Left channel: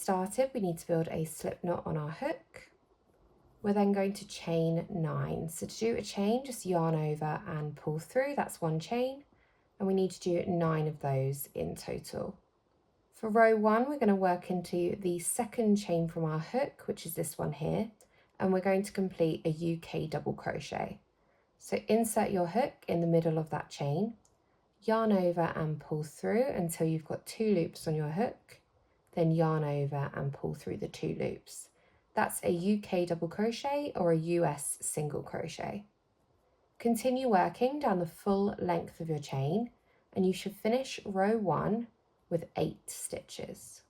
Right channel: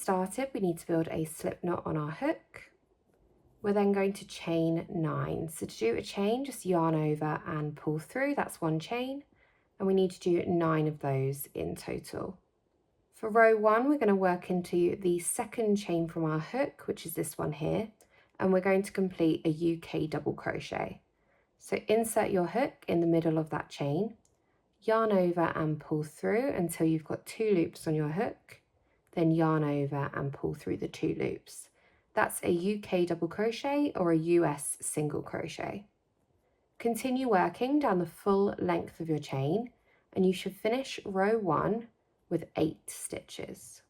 started, we need to build a slip knot on our hook. We're then going to chain 9. So to do a chain, just yarn over and pull through. That's one chain, and we need to do 9 of those in total. For row 1, we're going to work into the second chain from our hook, which is this one here, and we're going to complete a UK double crochet. So insert your hook in the middle of that chain, yarn over and pull through until you've got 2 loops on your hook, then yarn over and pull through the 2 loops. That's a UK double crochet or a US single crochet. Continue working down the full length of your chain, and you should finish row 1 with 8 stitches.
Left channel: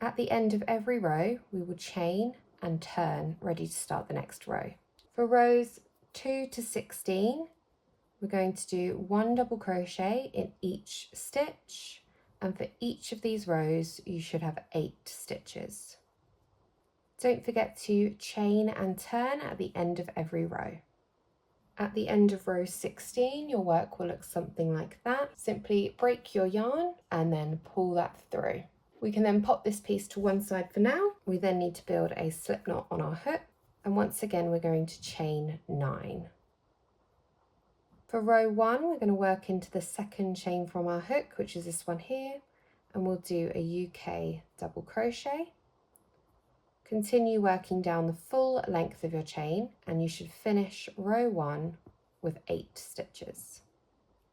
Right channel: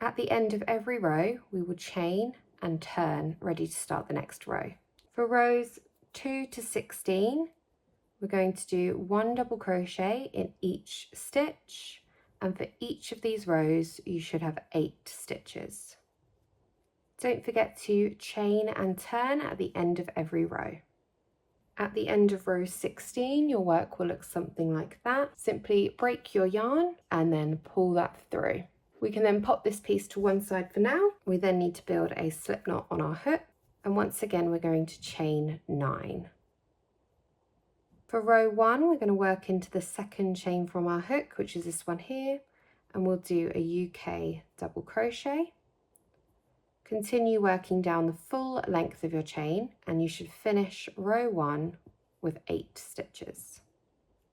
At the end of every row, we will chain and turn, ready to start the next row. For rows 2 to 16, we're going to do 1 double crochet in each stitch, and for each of these rows, you should have 8 stitches. Don't forget to chain and turn at the end of every row. At the end of row 16, your work will look something like that. Simply break your yarn and then pull that through. We can then pop this piece to one side for now. We then need to build a slip knot on our hook, and once again we're going to chain 9. For row 1, we're going to work into the second chain from our hook, which is this one here, and we'll do a UK double crochet. Continue working down the full length of your chain, and you should finish row 1 with 8 stitches.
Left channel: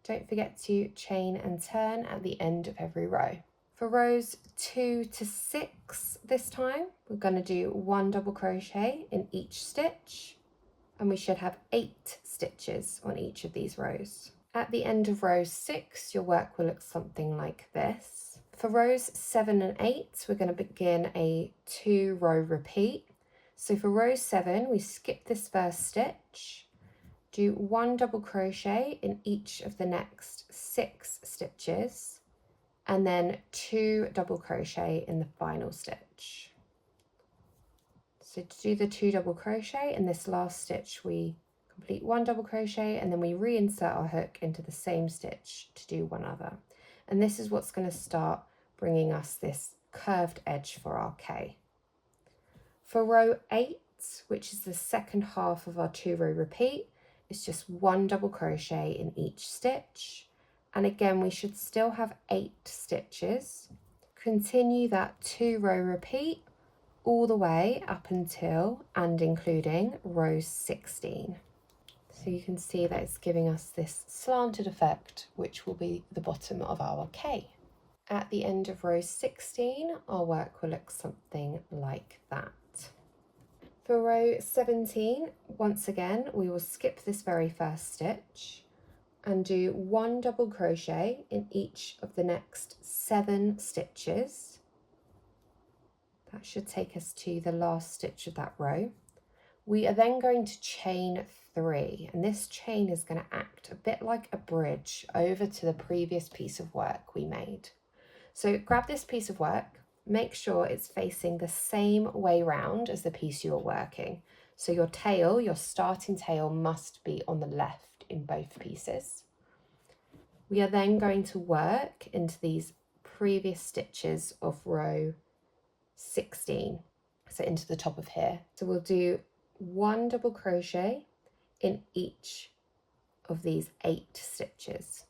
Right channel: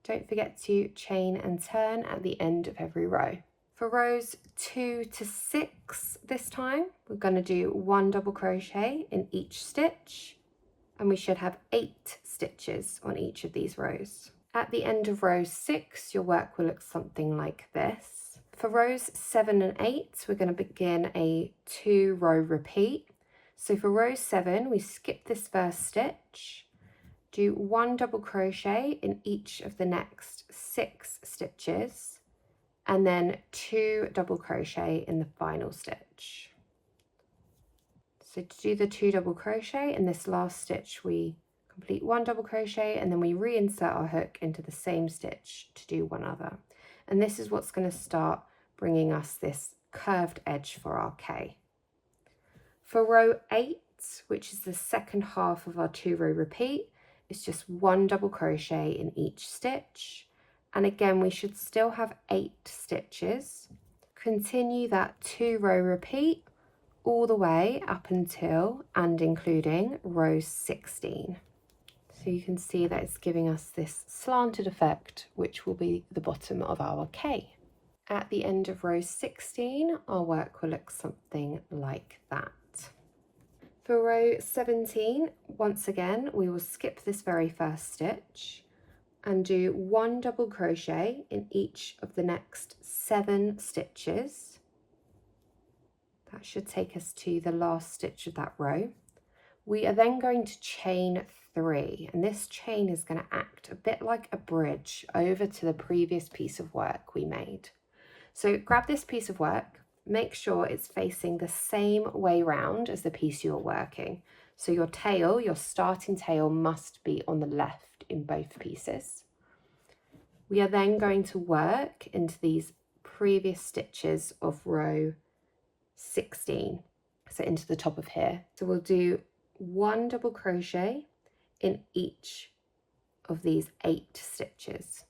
Don't forget to chain and turn at the end of every row. For rows 2 to 6 this time, we're going to do 1 double crochet in each stitch, and we should have 8 stitches on each of these rows. At the end of row 6, your work will look something like this. For rows 7 and 8, we're going to begin a 2-row repeat. So for row 7, we skip this first stitch, do 1 double crochet in each of the next 6 stitches, and then 2 double crochet in the final stitch. So to do the 2 double crochet in this last stitch, we complete 1 double crochet, and then we reinsert our hook into the same stitch to do one other. And this is what's going to start bringing us this curved edge for our K. For row 8, which is the second half of our 2-row repeat, it's just 1 double crochet in each stitch. And again, we should still have 8 stitches. Continue that 2-row repeat all the way up until and including row 16. So you can see that it's giving us this slanted effect, which will be the bottom of our K. At the end of row 16, our work will look something like that. For row 17, once again, we will skip this very first stitch and do 1 double crochet in each of the next 7 stitches. That should take us to the last stitch of that row. We are then going to chain 3, and this chain is going to act a bit like a bridge over to the previous piece of work we made. So grab this piece of work, make sure it's facing the same way round as the piece you're working. So your tail, your starting tail, must be on the left in both pieces. We are then going to work into these previous stitches of row 16, so into the top of here. So we'll do 1 double crochet in each of these 8 stitches.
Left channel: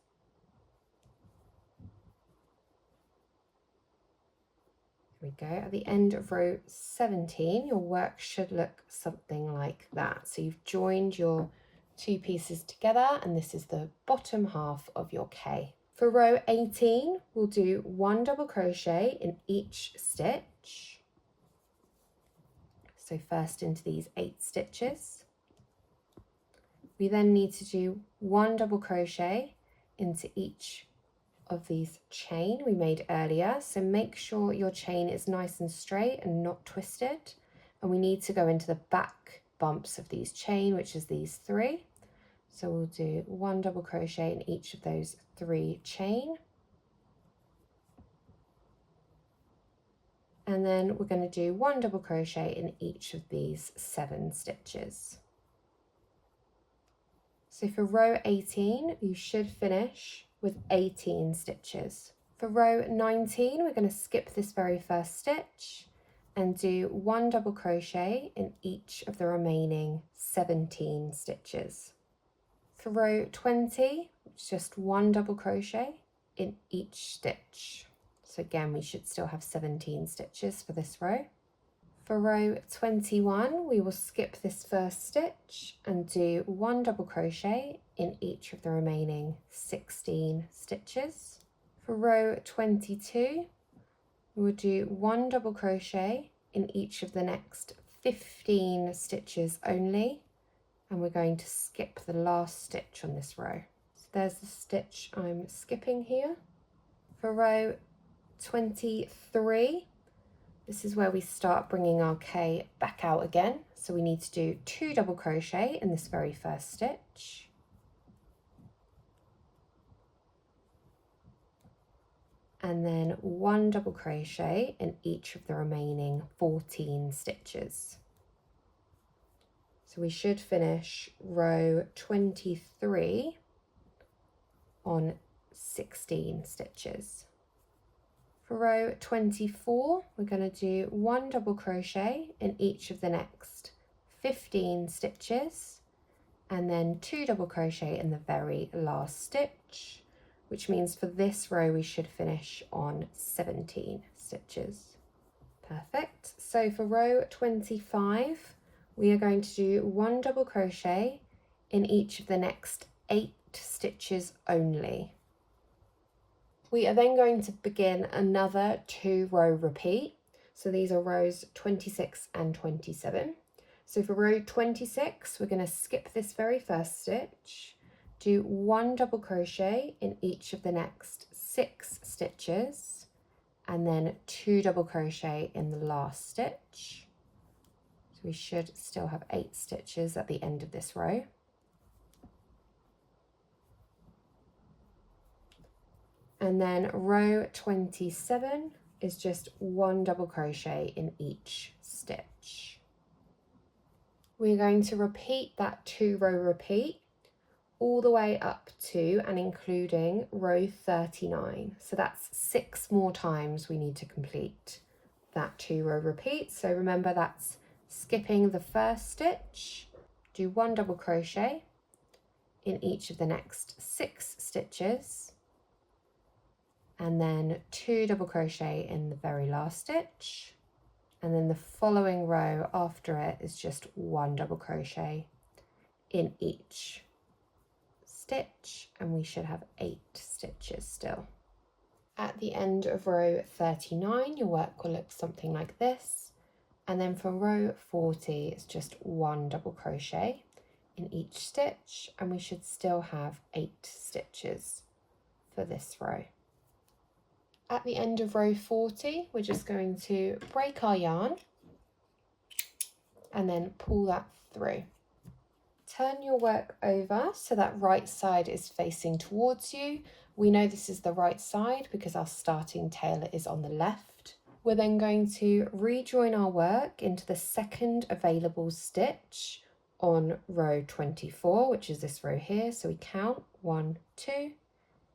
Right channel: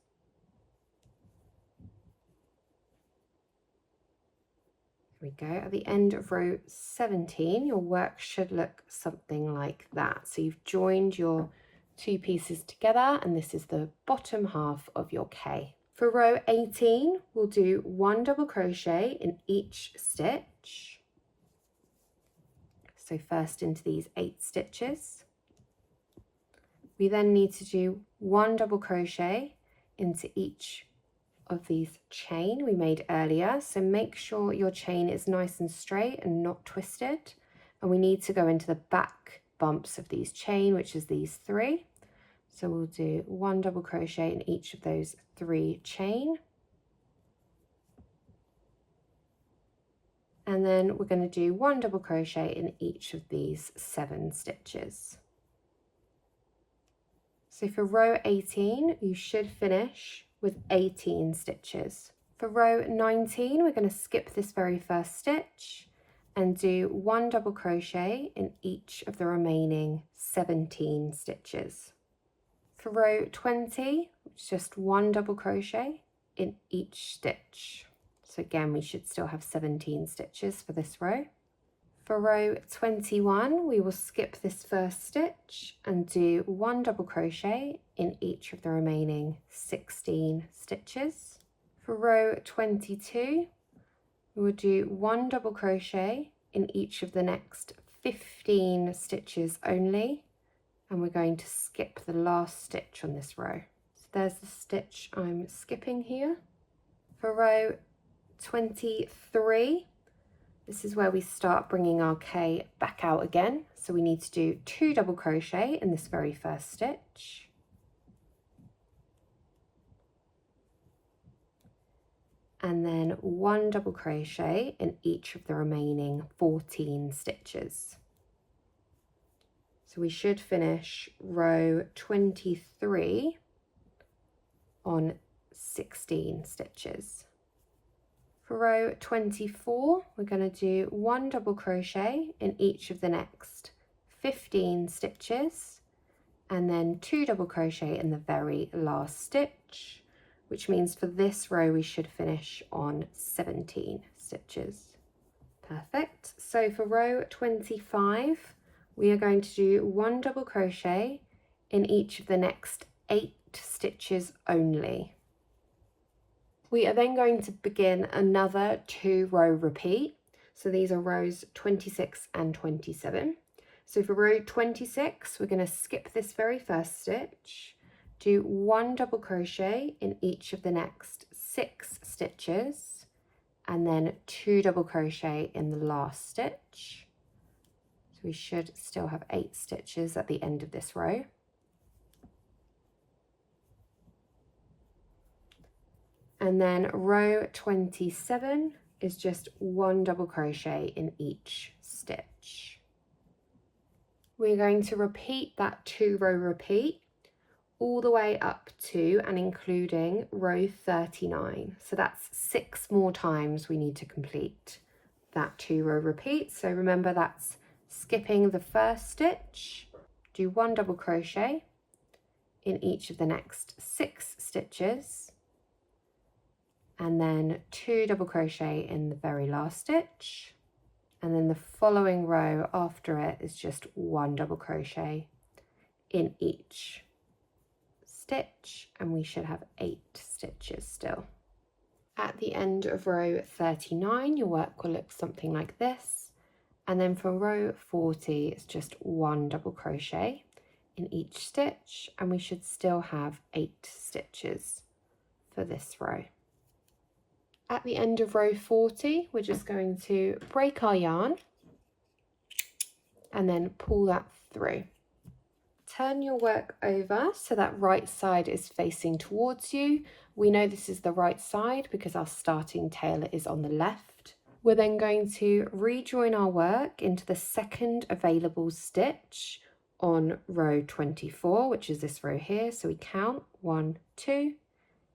There we go. At the end of row 17, your work should look something like that. So you've joined your 2 pieces together, and this is the bottom half of your K. For row 18, we'll do 1 double crochet in each stitch. So first into these 8 stitches. We then need to do 1 double crochet into each of these chain we made earlier. So make sure your chain is nice and straight and not twisted. And we need to go into the back bumps of these chain, which is these 3. So we'll do 1 double crochet in each of those 3 chain. And then we're going to do 1 double crochet in each of these 7 stitches. So for row 18, you should finish with 18 stitches. For row 19, we're going to skip this very first stitch and do 1 double crochet in each of the remaining 17 stitches. For row 20, it's just 1 double crochet in each stitch. So again, we should still have 17 stitches for this row. For row 21, we will skip this first stitch and do 1 double crochet in each of the remaining 16 stitches. For row 22, we will do 1 double crochet in each of the next 15 stitches only, and we're going to skip the last stitch on this row. So there's the stitch I'm skipping here. For row 23, this is where we start bringing our K back out again. So we need to do 2 double crochet in this very first stitch. And then 1 double crochet in each of the remaining 14 stitches. So we should finish row 23 on 16 stitches. For row 24, we're going to do 1 double crochet in each of the next 15 stitches, and then 2 double crochet in the very last stitch, which means for this row we should finish on 17 stitches. Perfect. So for row 25, we are going to do 1 double crochet in each of the next 8 stitches only. We are then going to begin another 2 row repeat. So these are rows 26 and 27. So for row 26, we're going to skip this very first stitch, do 1 double crochet in each of the next 6 stitches, and then 2 double crochet in the last stitch. So we should still have 8 stitches at the end of this row. And then row 27 is just 1 double crochet in each stitch. We're going to repeat that 2 row repeat all the way up to and including row 39. So that's 6 more times we need to complete that 2 row repeat. So remember, that's skipping the first stitch, do 1 double crochet in each of the next 6 stitches, and then 2 double crochet in the very last stitch, and then the following row after it is just 1 double crochet in each stitch, and we should have 8 stitches still. At the end of row 39, your work will look something like this, and then for row 40 it's just 1 double crochet in each stitch, and we should still have 8 stitches for this row. At the end of row 40, we're just going to break our yarn and then pull that through. Turn your work over so that right side is facing towards you. We know this is the right side because our starting tail is on the left. We're then going to rejoin our work into the second available stitch on row 24, which is this row here. So we count 1, 2,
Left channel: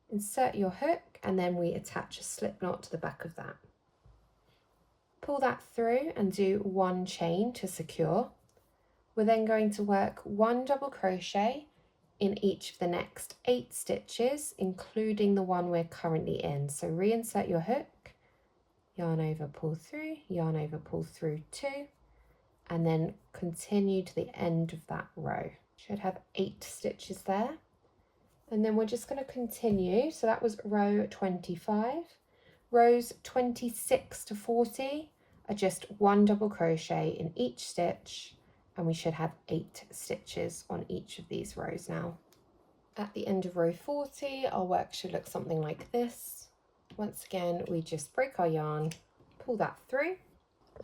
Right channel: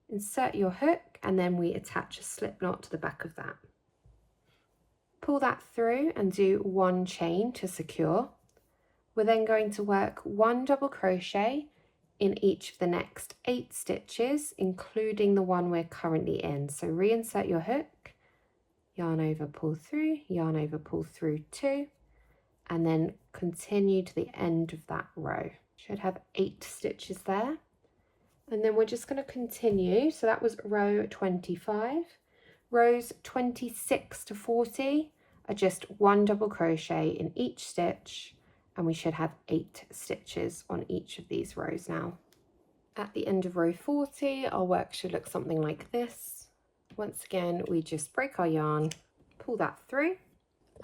insert your hook, and then we attach a slip knot to the back of that. Pull that through and do 1 chain to secure. We're then going to work 1 double crochet in each of the next 8 stitches, including the one we're currently in. So reinsert your hook, yarn over, pull through, yarn over, pull through 2, and then continue to the end of that row. Should have 8 stitches there. And then we're just going to continue. So that was row 25. Rows 26 to 40 are just 1 double crochet in each stitch, and we should have 8 stitches on each of these rows now. At the end of row 40, our work should look something like this. Once again, we just break our yarn, pull that through,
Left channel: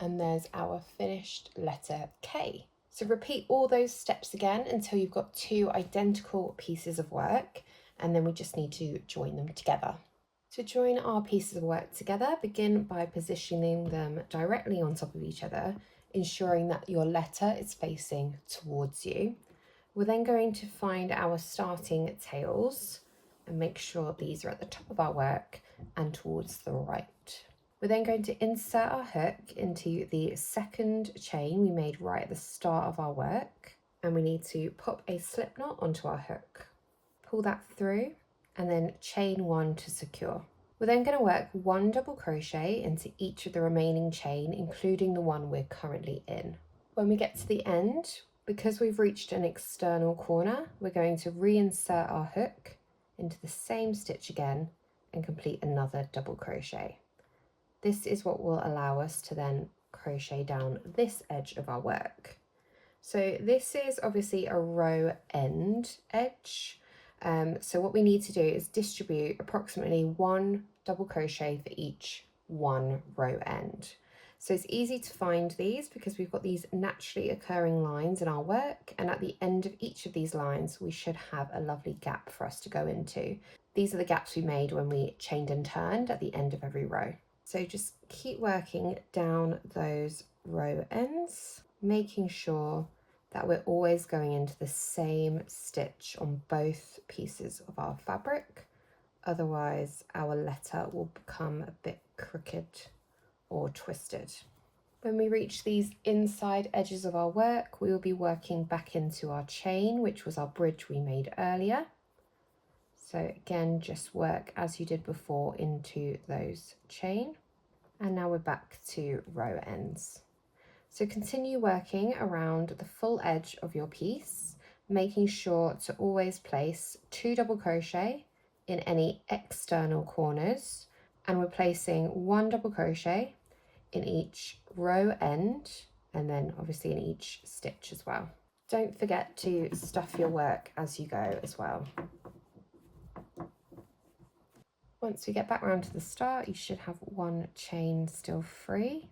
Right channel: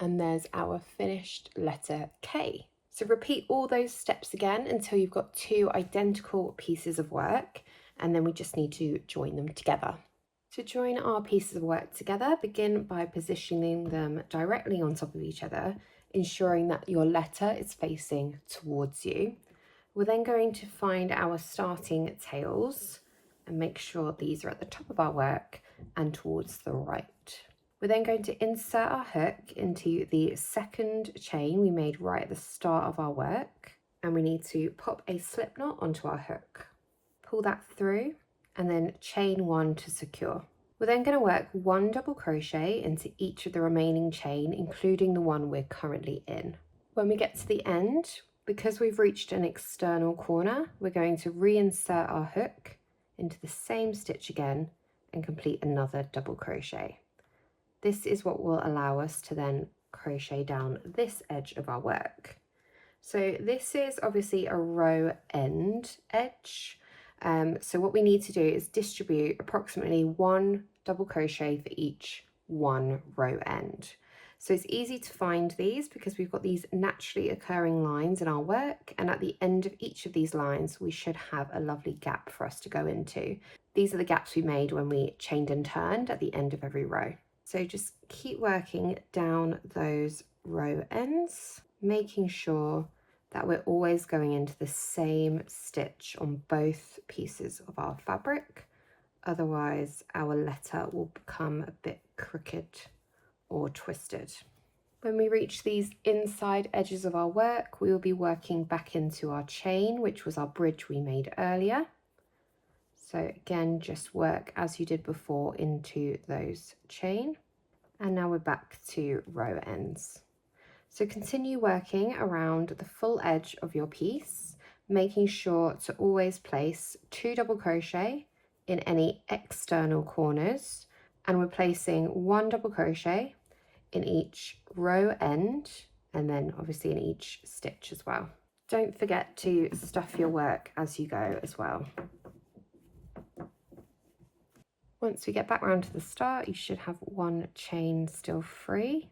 and there's our finished letter K. So repeat all those steps again until you've got 2 identical pieces of work, and then we just need to join them together. To join our pieces of work together, begin by positioning them directly on top of each other, ensuring that your letter is facing towards you. We're then going to find our starting tails and make sure these are at the top of our work and towards the right. We're then going to insert our hook into the second chain we made right at the start of our work, and we need to pop a slip knot onto our hook. Pull that through and then chain 1 to secure. We're then going to work 1 double crochet into each of the remaining chain, including the one we're currently in. When we get to the end, because we've reached an external corner, we're going to reinsert our hook into the same stitch again and complete another double crochet. This is what will allow us to then crochet down this edge of our work. So this is obviously a row end edge. So what we need to do is distribute approximately 1 double crochet for each one row end. So it's easy to find these because we've got these naturally occurring lines in our work, and at the end of each of these lines we should have a lovely gap for us to go into. These are the gaps we made when we chained and turned at the end of every row. So just keep working down those row ends, making sure that we're always going into the same stitch on both pieces of our fabric. Otherwise our letter will become a bit crooked or twisted. When we reach these inside edges of our work, we will be working back into our chain, which was our bridge we made earlier. So again, just work as you did before into those chain. And now we're back to row ends. So continue working around the full edge of your piece, making sure to always place 2 double crochet in any external corners, and we're placing 1 double crochet in each row end, and then obviously in each stitch as well. Don't forget to stuff your work as you go as well. Once we get back round to the start, you should have 1 chain still free,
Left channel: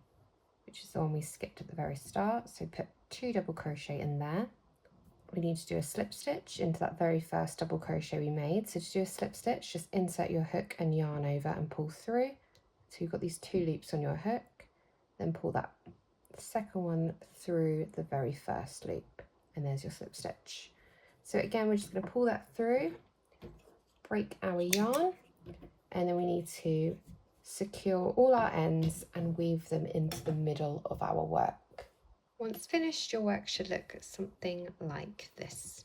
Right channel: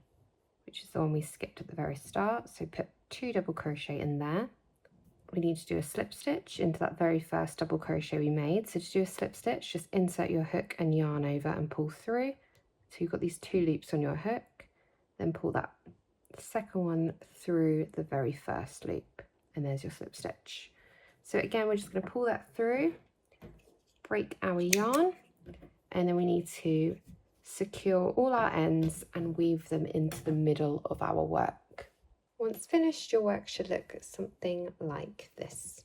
which is the one we skipped at the very start. So put 2 double crochet in there. We need to do a slip stitch into that very first double crochet we made. So to do a slip stitch, just insert your hook and yarn over and pull through. So you've got these 2 loops on your hook, then pull that second one through the very first loop, and there's your slip stitch. So again, we're just going to pull that through, break our yarn, and then we need to secure all our ends and weave them into the middle of our work. Once finished, your work should look something like this.